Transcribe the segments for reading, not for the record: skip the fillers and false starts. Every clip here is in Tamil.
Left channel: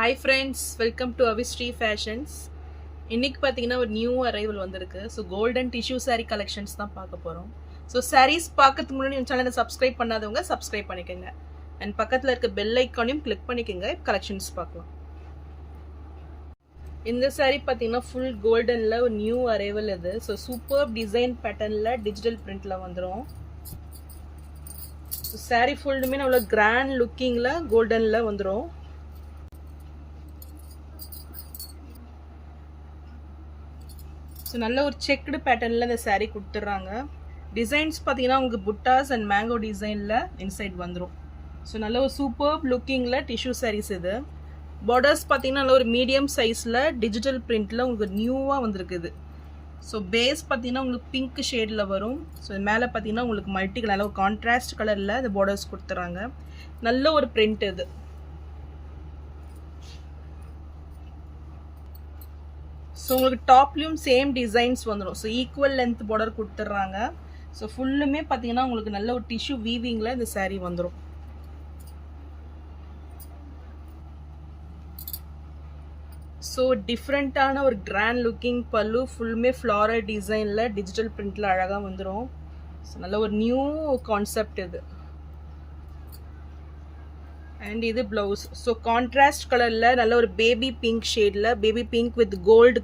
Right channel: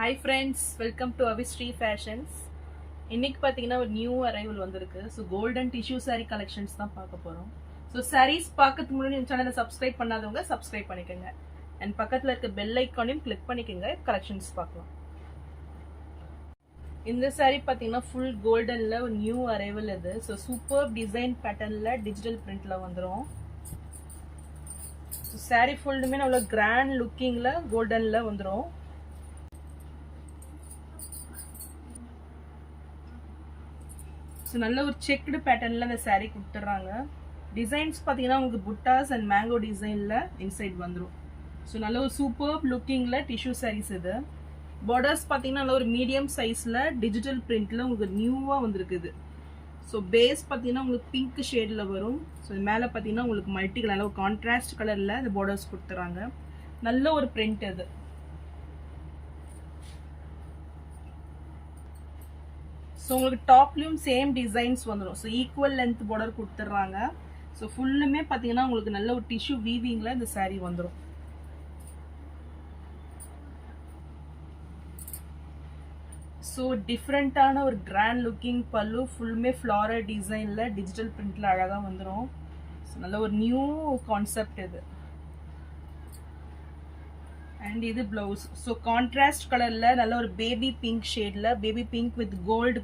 Hi friends, welcome to Avistri Fashions. இன்னைக்கு பார்த்தீங்கன்னா ஒரு நியூ அரைவல் வந்திருக்கு. So golden tissue saree collections தான் பார்க்க போகிறோம். ஸோ sarees பார்க்கறதுக்கு முன்னாடி என் சேனலை சப்ஸ்கிரைப் பண்ணாதவங்க சப்ஸ்கிரைப் பண்ணிக்கோங்க. அண்ட் பக்கத்தில் இருக்க பெல் ஐக்கானையும் கிளிக் பண்ணிக்கோங்க. கலெக்ஷன்ஸ் பார்க்கலாம். இந்த saree பார்த்தீங்கன்னா ஃபுல் கோல்டனில் ஒரு நியூ அரைவல் இது. ஸோ சூப்பர் டிசைன் பேட்டர்னில் டிஜிட்டல் பிரிண்டில் வந்துடும். ஸோ saree ஃபுல்லுமே அவ்வளோ கிராண்ட் லுக்கிங்கில் கோல்டனில் வந்துடும். ஸோ நல்ல ஒரு செக்குடு பேட்டர்னில் இந்த சாரீ கொடுத்துட்றாங்க. டிசைன்ஸ் பார்த்தீங்கன்னா உங்களுக்கு புட்டாஸ் அண்ட் மேங்கோ டிசைனில் இன்சைட் வந்துடும். ஸோ நல்ல ஒரு சூப்பர் லுக்கிங்கில் டிஷ்யூ சாரீஸ் இது. பார்டர்ஸ் பார்த்தீங்கன்னா நல்ல ஒரு மீடியம் சைஸில் டிஜிட்டல் பிரிண்டில் உங்களுக்கு நியூவாக வந்துருக்குது. ஸோ பேஸ் பார்த்தீங்கன்னா உங்களுக்கு பிங்க் ஷேடில் வரும். ஸோ மேலே பார்த்தீங்கன்னா உங்களுக்கு மல்டி கலர் ஒரு கான்ட்ராஸ்ட் கலரில் இந்த பார்டர்ஸ் கொடுத்துட்றாங்க. நல்ல ஒரு பிரிண்ட் இது. ஸோ உங்களுக்கு டாப்லேயும் சேம் டிசைன்ஸ் வந்துடும். ஸோ ஈக்குவல் லென்த் பார்டர் கொடுத்துட்றாங்க. ஸோ ஃபுல்லுமே பார்த்தீங்கன்னா உங்களுக்கு நல்ல ஒரு டிஷ்யூ வீவிங்கில் இந்த சாரீ வந்துடும். ஸோ டிஃப்ரெண்ட்டான ஒரு கிராண்ட் லுக்கிங் பல்லு, ஃபுல்லுமே ஃப்ளாரல் டிசைனில் டிஜிட்டல் பிரிண்டில் அழகாக வந்துடும். ஸோ நல்ல ஒரு நியூ கான்செப்ட் இது. அண்ட் இது பிளவுஸ். ஸோ கான்ட்ராஸ்ட் கலரில் நல்ல ஒரு பேபி பிங்க் ஷேடில் பேபி பிங்க் வித் கோல்டு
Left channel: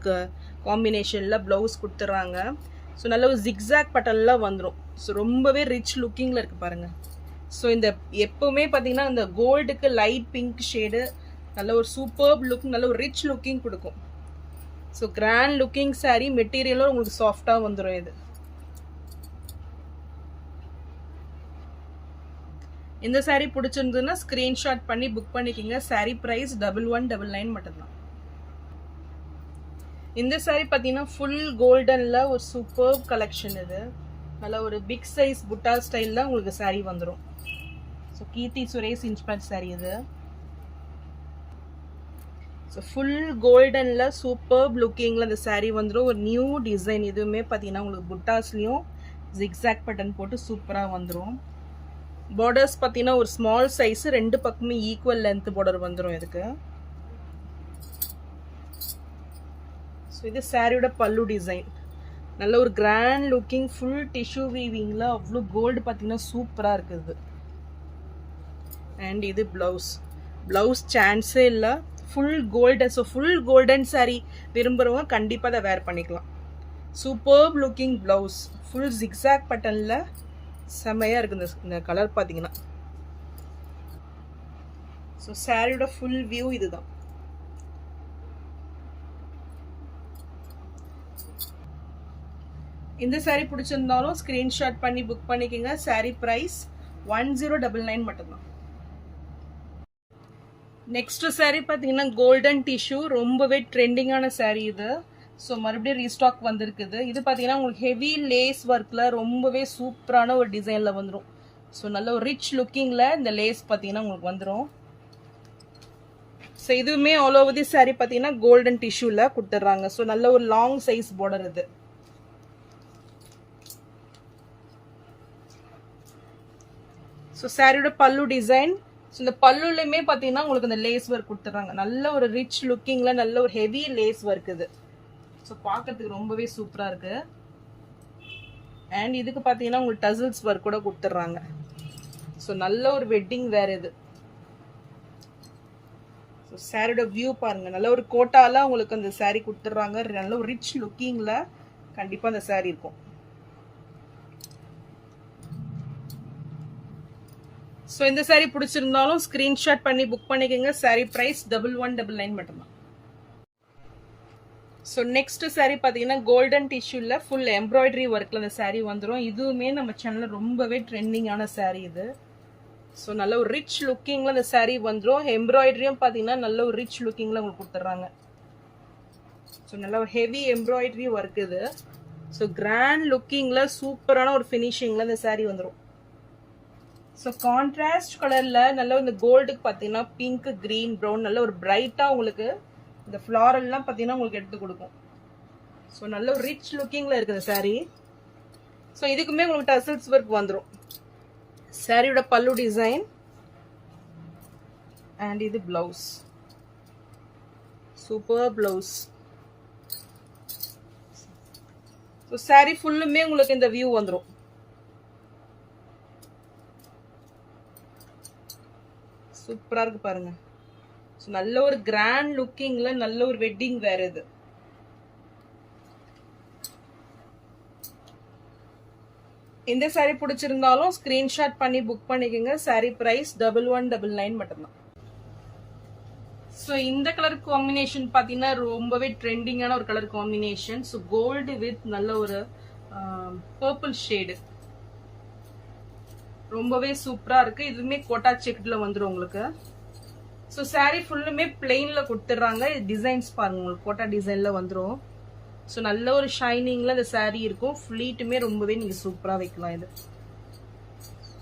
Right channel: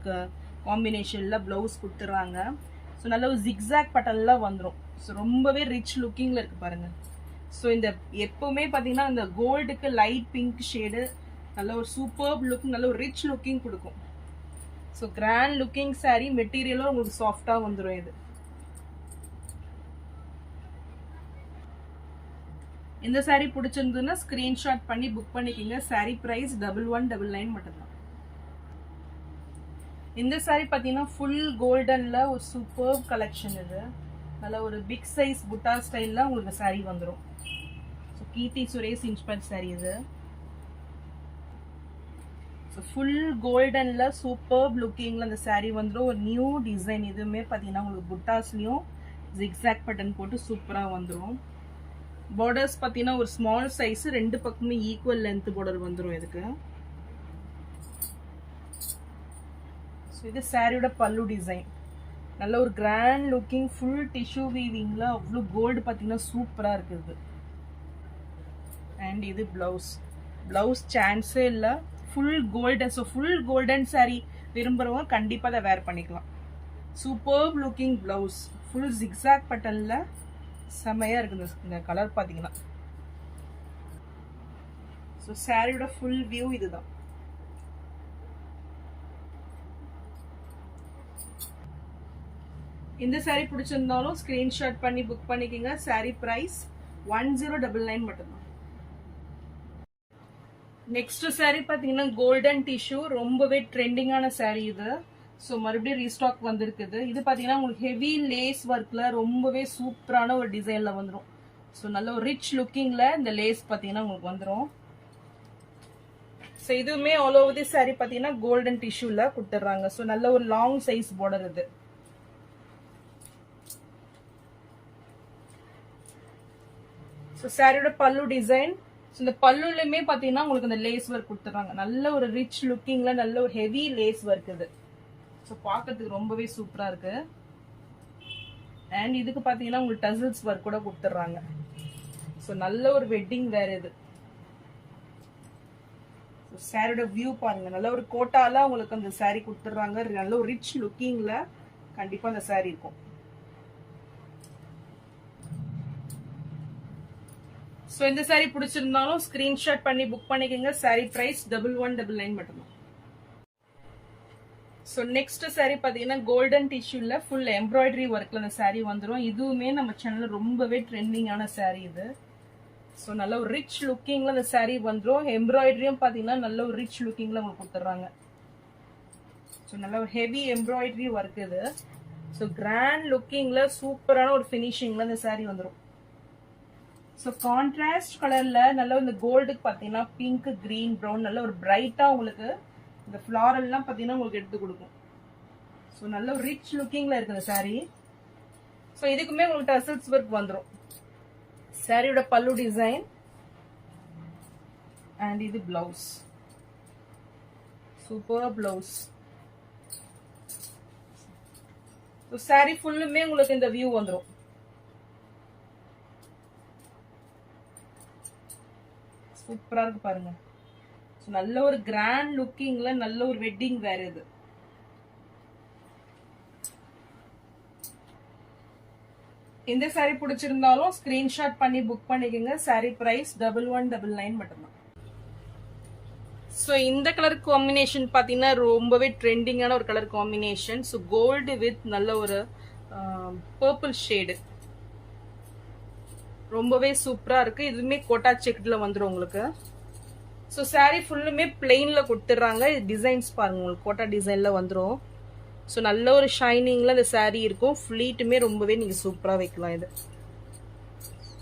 காம்பினேஷனில் ப்ளவுஸ் கொடுத்துட்றாங்க. ஸோ நல்ல ஒரு ஜிக்ஸாக் பட்டனில் வந்துடும். ஸோ ரொம்பவே ரிச் லுக்கிங்கில் இருக்குது பாருங்கள். ஸோ இந்த எப்போவுமே பார்த்தீங்கன்னா இந்த கோல்டுக்கு லைட் பிங்க் ஷேடு நல்ல ஒரு சூப்பர் லுக், நல்ல ஒரு ரிச் லுக்கிங் கொடுக்கும். ஸோ கிராண்ட் லுக்கிங் சாரீ, மெட்டீரியலும் உங்களுக்கு சாஃப்டாக வந்துடும். இது இந்த சாரீ பிடிச்சிருந்ததுன்னா ஸ்க்ரீன்ஷாட் பண்ணி புக் பண்ணிக்கிங்க. சாரீ ப்ரைஸ் 1199 மட்டும்தான். இந்த சாரீ பார்த்தீங்கன்னா ஃபுல் கோல்டனில் ஒரு சூப்பர் கலெக்ஷன் இது. நல்ல ஒரு பிக் சைஸ் புட்டா ஸ்டைலில் உங்களுக்கு சாரீ வந்துடும். ஸோ கீர்த்தி சுரேஷ் இன்ஸ்பயர் சாரீ இது. ஸோ ஃபுல் கோல்டனில் சூப்பர் லுக்கிங்கில் இந்த சாரீ வந்துடும். ஒரு நியூ டிசைன். இதுவுமே பார்த்தீங்கன்னா உங்களுக்கு புட்டாஸ்லேயும் ஜிக்ஸாக் பட்டன் போட்டு சூப்பராக வந்துடும். பார்டர்ஸ் பார்த்தீங்கன்னா ஒரு ஸ்மால் சைஸு, ரெண்டு பக்கமே ஈக்குவல் லென்த் பார்டர் வந்துடும் இதுக்கு. ஸோ இது சாரியோட பல்லு டிசைன். நல்ல ஒரு கிராண்ட் லுக்கிங் ஃபுல் டிஷ்யூ வீவிங்கில் அவ்வளோ கோல்டு பார்த்தீங்கன்னா சூப்பராக இருக்குது. அண்ட் இது ப்ளவுஸ். ப்ளவுஸ் சான்ஸே இல்லை, full golden. So full golden sari விரும்புகிறவங்க கண்டிப்பாக அதை வேர் பண்ணிக்கலாம். Super looking blouse, full zigzag பட்டனில் செம்மையாக இருக்குது இந்த கலர் பார்த்தீங்கன்னா. ஸோ சாரியோட ஃபுல் வியூ இதுதான். இந்த சாரீ பிடிச்சிருந்தாலும் ஸ்க்ரீன்ஷாட் பண்ணி புக் பண்ணிக்கோங்க. சாரீ ப்ரைஸ் 1099 மட்டும்தான். நெக்ஸ்ட் சாரீ பார்த்தீங்கன்னா கோல்டன் டிஷ்யூ, ரொம்பவே ட்ரெண்டிங்கான சாரீ இது. ஸோ மறுபடியும் ரீஸ்டாக் வந்திருக்குது. இது பார்த்தீங்கன்னா உங்களுக்கு ஹெவி லேஸ் ஒர்க்கில் ரொம்பவே சூப்பரான ஒரு டிசைனில் வந்துடும். ஸோ நல்ல ஒரு ரிச் லுக்கிங்கில் இந்த லேஸ் பார்த்தீங்கன்னா உங்களுக்கு வந்துடும். ஸோ இதுவுமே ஆல் ஓவர் தி சாரீ பார்த்தீங்கன்னா கோல்டன் டிஷ்யூவில் கொடுத்துட்றாங்க. ஸோ நல்ல ஒரு லாங் சைஸ் பார்டர் இது. ஸோ சாரியோட பல்லு டிசைன். ஸோ இந்த பல்லுலையுமே பார்த்தீங்கன்னா உங்களுக்கு இந்த லேஸ் ஒர்க் கொடுத்துட்றாங்க. நல்ல ஒரு ரிச் லுக்கிங்கில் நல்ல ஒரு ஹெவி லேஸ் ஒர்க் இது. ஸோ பார்க்கறதுக்கு ரொம்பவே சூப்பராக இருக்கு. அண்ட் இதுக்கு பார்த்தீங்கன்னா உங்களுக்கு டசில்ஸ் ஒர்க் கூட கொடுத்துட்றாங்க. ஸோ நல்ல ஒரு வெட்டிங் வேர் இது. ஸோ சாரியோட வியூ பாருங்க. நல்ல ஒரு கோட்டால உங்களுக்கு அந்த சாரீ கொடுத்துட்றாங்க. நல்ல ஒரு ரிச் லுக்கிங்கில் கண்டிப்பாக அந்த சாரீ இருக்கும். ஸோ இந்த சாரீ பிடிச்சிருந்தாலும் ஸ்க்ரீன்ஷாட் பண்ணி புக் பண்ணிக்கோங்க. சாரீ ப்ரைஸ் 1199 மட்டும்தான். ஸோ நெக்ஸ்ட் சாரீ பார்த்தீங்கன்னா கோல்டன் டிஷ்யூவில் ஃபுல் எம்ப்ராய்டரி ஒர்க்கில் இந்த சாரீ வந்துடும். இதுவுமே நம்ம சேனலில் ரொம்பவே ட்ரெண்டிங்கான சாரீ இது. ஸோ நல்ல ஒரு ரிச் லுக்கிங்கில் இந்த சாரீ வந்துடும். எம்ப்ராய்டரியும் பார்த்தீங்கன்னா நல்ல ஒரு ரிச் லுக்கிங்கில் உங்களுக்கு கொடுத்துட்றாங்க. ஸோ நல்ல ஒரு ஹெவி எம்ப்ராய்டரி ஒர்க் இது. ஸோ கிராண்ட் லுக்கிங்கில் சூப்பரான ஒரு ஃபினிஷிங்கில் இந்த சாரீ வந்துடும். ஸோ கான்ட்ராஸ்ட் கலரில் நல்ல இந்த கோல்டுக்கு பார்த்தீங்கன்னா பிங்க், க்ரீன், ப்ரௌன் நல்ல ஒரு பிரைட்டாக உங்களுக்கு இந்த ஃப்ளாரெல்லாம் பார்த்தீங்கன்னா உங்களுக்கு எடுத்து கொடுக்கும். ஸோ நல்ல ஒரு ரிச் லுக்கிங்கில் இருக்குது சாரீ. ஸோ இதுக்குமே உங்களுக்கு டசல்ஸ் ஒர்க் வந்துடும். சாரியோட பல்லு டிசைன் அண்ட் இது blouse. Super blouse. So sorry ஃபுல்லுமே உங்களுக்கு இந்த வியூ வந்துடும். சூப்பரா இருக்கு பாருங்க. ஸோ நல்ல ஒரு கிராண்ட் லுக்கிங்ல நல்ல ஒரு வெட்டிங் வேர் இது. இந்த சாரி பிடிச்சிருந்தாலும் ஸ்கிரீன்ஷாட் பண்ணி புக் பண்ணிக்கோங்க. சாரி பிரைஸ் 1199 மட்டும்தான். ஸோ இந்த கலர் காம்பினேஷன் பார்த்தீங்கன்னா ரொம்பவே ட்ரெண்டிங்கான ஒரு colour combination. So gold with நல்ல ஒரு பர்பிள் ஷேடு, ரொம்பவே சூப்பரா இருக்கு. இதுவுமே கோட்டா செக்ல வந்துடும் உங்களுக்கு. ஸோ சாரி ஃபுல்லுமே பிளெயின்ல கொடுத்துட்றாங்க. இது டிசைன்ஸ் பாருங்க, உங்களுக்கு கோட்டா டிசைன்ல வந்துடும். ஸோ நல்ல ஒரு ஷைனிங்ல இந்த சாரி இருக்கும். ஃபிளீட்டுமே ரொம்பவே நீங்க சூப்பரா வைக்கலாம். இது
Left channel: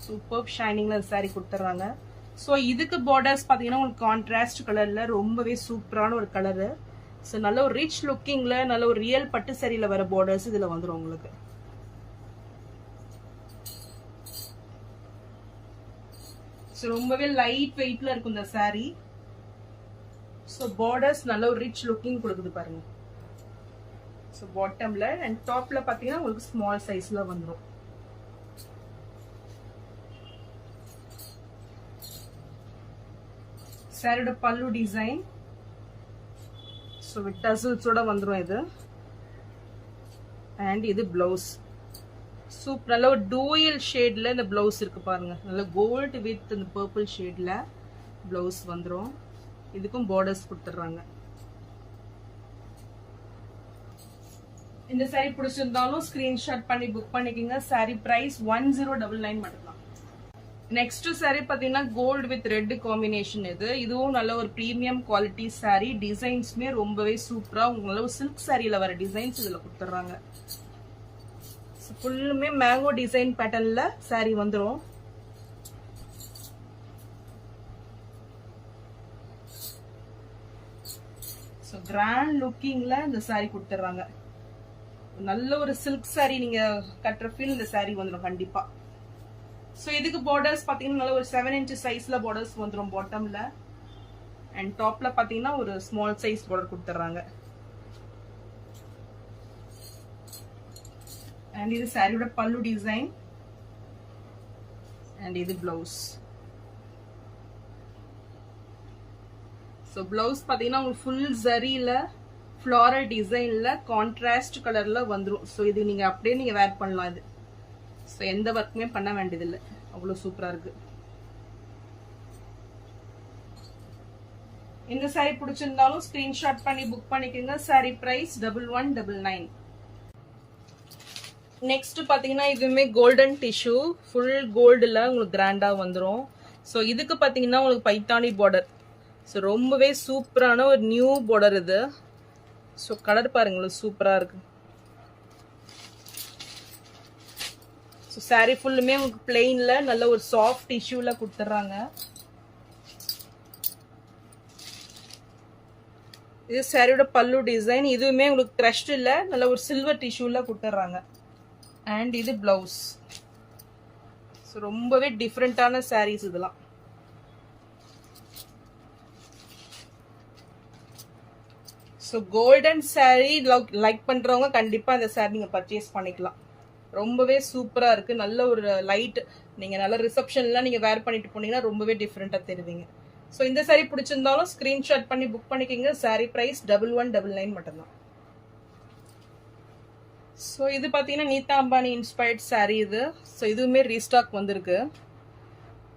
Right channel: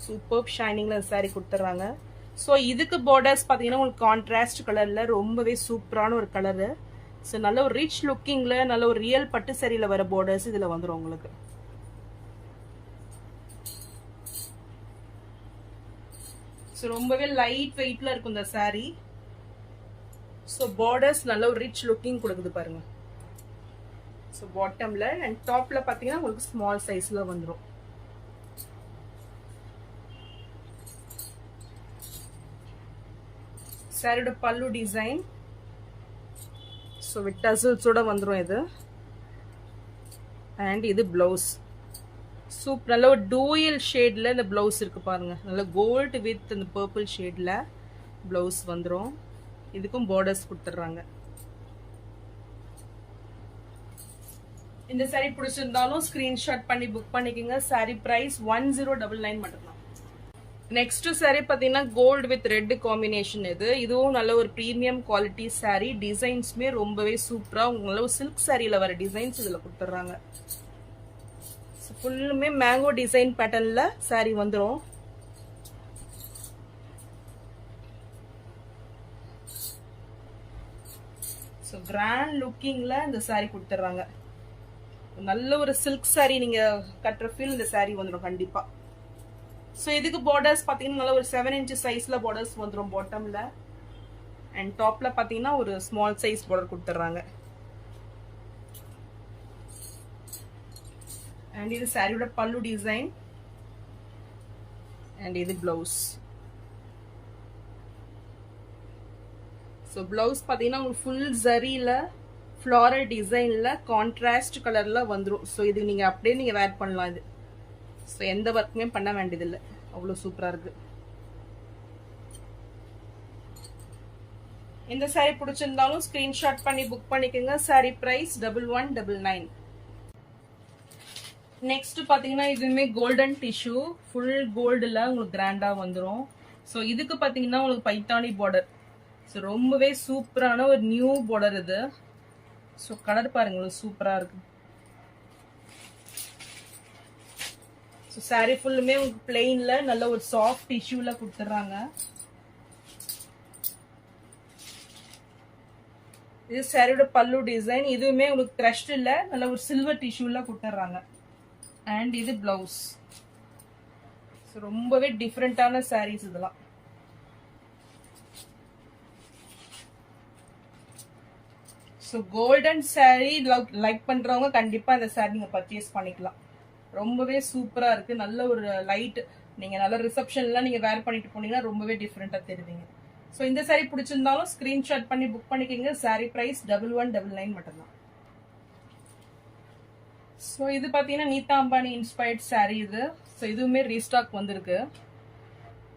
சூப்பர் ஷைனிங்ல இந்த சாரி கொடுத்துட்றாங்க. ஸோ இதுக்கு பார்டர்ஸ் பார்த்தீங்கன்னா உங்களுக்கு கான்ட்ராஸ்ட் கலர்ல ரொம்பவே சூப்பரான ஒரு கலரு. ஸோ நல்ல ஒரு ரிச் லுக்கிங்ல நல்ல ஒரு ரியல் பட்டு சாரியில வர பார்டர்ஸ் இதுல வந்துடும் உங்களுக்கு. ஸோ ரொம்பவே லைட் வெயிட்ல இருக்கும் இந்த சாரி. ஸோ பார்டர்ஸ் நல்ல ஒரு ரிச் லுக்கிங் கொடுக்குது பாருங்க. ஸோ பாட்டம்ல அண்ட் டாப்ல பார்த்தீங்கன்னா உங்களுக்கு ஸ்மால் சைஸ்ல வந்துடும். சாரியோட பல்லு டிசைன் ஸோ வித் டசல்ஸோட வந்துடும் இது. அண்ட் இது பிளவுஸ். சூப்பர் நல்ல ஒரு டூயல் ஷேட்ல இந்த பிளவுஸ் இருக்கு பாருங்க. நல்ல கோல்டு வித் இந்த பர்பிள் ஷேட்ல பிளவுஸ் வந்துடும். இதுக்கும் பார்டர்ஸ் கொடுத்துட்றாங்க. இந்த சாரி பிடிச்சிருந்தாலும் ஸ்கிரீன்ஷாட் பண்ணி புக் பண்ணிக்கோங்க. சாரி பிரைஸ் 1099 மட்டும்தான். நெக்ஸ்ட் சாரி பாத்தீங்கன்னா கோல்டு வித் ரெட் காம்பினேஷன். இதுவும் நல்ல ஒரு பிரீமியம் குவாலிட்டி சாரி. டிசைன்ஸ்மே ரொம்பவே சூப்பரா உங்களுக்கு சில்க் சாரியில வர டிசைன்ஸ் இதுல கொடுத்துட்றாங்க. ஃபுல்லுமே மேங்கோ டிசைன் பேட்டர்ன்ல சாரி வந்துடும். ஸோ கிராண்ட் லுக்கிங்ல இந்த சாரி கொடுத்துட்றாங்க. நல்ல ஒரு சில்க் சாரி நீங்க கட்டுற ஃபீல் இந்த சாரி வந்துடும் கண்டிப்பா. ஸோ இதுக்கு பார்டர்ஸ் பார்த்தீங்கன்னா நல்ல ஒரு 7 inch சைஸ்ல பார்டர்ஸ் வந்துடும் பாட்டம்ல. அண்ட் டாப்ல பார்த்தீங்கன்னா ஒரு ஸ்மால் சைஸ் பார்டர் கொடுத்துட்றாங்க. அண்ட் இது சாரியோட பல்லு டிசைன். அண்ட் இது பிளவுஸ். ஸோ பிளவுஸ் பார்த்தீங்கன்னா உங்களுக்கு ஃபுல் ஜரியில ஃப்ளாரல் டிசைன்ல கான்ட்ராஸ்ட் கலர்ல வந்துடும். ஸோ இது நீங்க அப்படியே நீங்க வேர் பண்ணலாம். இது ஸோ எந்த ஒர்க்குமே பண்ண வேண்டியதில்லை, அவ்வளோ சூப்பரா இருக்கு. இந்த சாரி பிடிச்சிருந்தாலும் ஸ்கிரீன்ஷாட் பண்ணி புக் பண்ணிக்கோங்க. Sorry price 1199. நெக்ஸ்ட் பாத்தீங்கன்னா இதுவுமே கோல்டன் டிஷ்யூ ஃபுல் கோல்டுல உங்களுக்கு கிராண்டா வந்துடும். ஸோ இதுக்கு பாத்தீங்கன்னா உங்களுக்கு பைத்தானி பார்டர். ஸோ ரொம்பவே சூப்பரான ஒரு நியூ பார்டர் இது. ஸோ கலர் பாருங்க சூப்பரா இருக்கு. ஸோ சாரி ஃபுல்லுமே உங்களுக்கு பிளெயின்ல நல்ல ஒரு சாஃப்ட் டிஷ்யூல கொடுத்துட்றாங்க. இது சாரியோட பல்லு டிசைன். இதுவுமே உங்களுக்கு க்ரஷ்ட் இல்ல, நல்ல ஒரு சில்வர் டிஷ்யூல கொடுத்துட்றாங்க. அண்ட் இது பிளவுஸ். ஸோ ரொம்பவே டிஃப்ரெண்டான சாரீஸ் இதெல்லாம். ஸோ கோல்டன் சாரி லைக் பண்றவங்க கண்டிப்பா இந்த சாரி நீங்க பர்ச்சேஸ் பண்ணிக்கலாம். ரொம்பவே சூப்பரா இருக்கு. நல்ல ஒரு லைட் நீங்க நல்ல ரிசப்ஷன்லாம் நீங்க வேர் பண்ணிட்டு போனீங்கன்னா ரொம்பவே டிஃப்ரெண்டா தெரிவிங்க. ஸோ இந்த சாரி பிடிச்சிருந்தாலும் ஸ்கிரீன்ஷாட் பண்ணி புக் பண்ணிக்கோங்க. சாரி பிரைஸ் 1199 மட்டும்தான். ஸோ இது பார்த்தீங்கன்னா நீதா அம்பானி இன்ஸ்பயர்ட் சாரி இது. ஸோ இதுவுமே ரீஸ்டாக் வந்திருக்கு.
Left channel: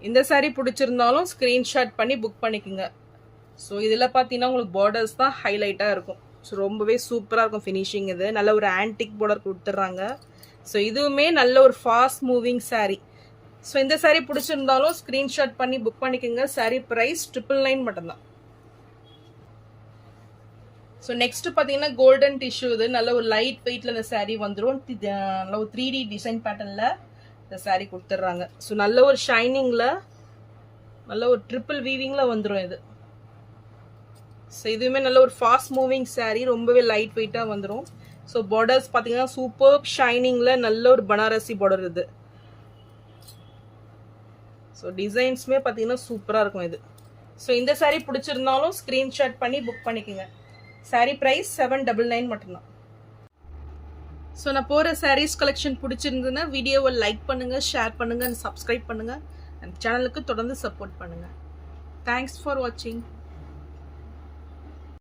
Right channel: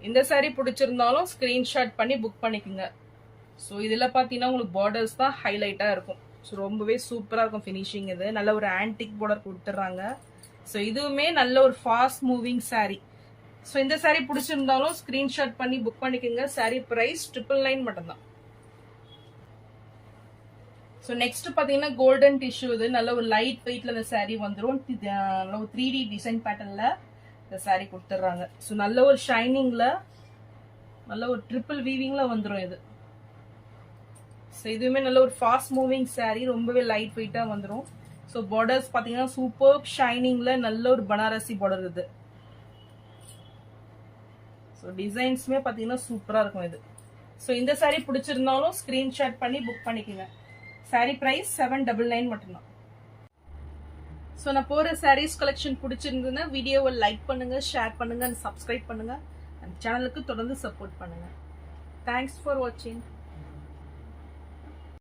இந்த சாரி பிடிச்சிருந்தாலும் ஸ்கிரீன்ஷாட் பண்ணி புக் பண்ணிக்கோங்க. ஸோ இதில் பார்த்தீங்கன்னா உங்களுக்கு பார்டர்ஸ் தான் ஹைலைட்டாக இருக்கும். ஸோ ரொம்பவே சூப்பராக இருக்கும் ஃபினிஷிங். இது நல்ல ஒரு ஆன்டிக் பார்டர் கொடுத்துட்றாங்க. ஸோ இதுவுமே நல்ல ஒரு ஃபாஸ்ட் மூவிங் சாரி. ஸோ இந்த சாரி பிடிச்சிருந்தாலும் ஸ்கிரீன்ஷாட் பண்ணி புக் பண்ணிக்கோங்க. சாரி பிரைஸ் 999 மட்டும்தான். ஸோ நெக்ஸ்ட் பார்த்தீங்கன்னா கோல்டன் டிஷ்யூ. இது நல்ல ஒரு லைட் வெயிட்ல இந்த சாரி வந்துடும். நல்ல ஒரு 3D டிசைன் பேட்டர்ன்ல இந்த சாரி கொடுத்துட்றாங்க. ஸோ நல்ல ஒரு ஷைனிங்ல நல்ல ஒரு ட்ரிபிள் வீவிங்ல வந்துடும் இது. ஸோ இதுவுமே நல்ல ஒரு ஃபாஸ்ட் மூவிங் சாரி. ரொம்பவே லைட் வெயிட்டா வந்துடும். ஸோ பார்டர்ஸ் பார்த்தீங்கன்னா சூப்பர் ஷைனிங்ல நல்ல ஒரு பனாரசி பார்டர் இது. ஸோ டிசைன்ஸுமே பார்த்தீங்கன்னா சூப்பராக இருக்கும் இது. ஸோ இந்த சாரி பிடிச்சிருந்தாலும் ஸ்க்ரீன்ஷாட் பண்ணி புக் பண்ணிக்கோங்க. சாரீ பிரைஸ் 799 மட்டும்தான். ஸோ நான் போகிற சாரீஸ் கலெக்ஷன் பிடிச்சிருந்ததுன்னா வீடியோவை லைக் பண்ணுங்கள், ஷேர் பண்ணுங்கள், சப்ஸ்கிரைப் பண்ணுங்கள், அண்ட் சேனலுக்கு தொடர்ந்து சப்போர்ட் பண்ணுங்கள். தேங்க்ஸ் ஃபார் வாட்சிங்.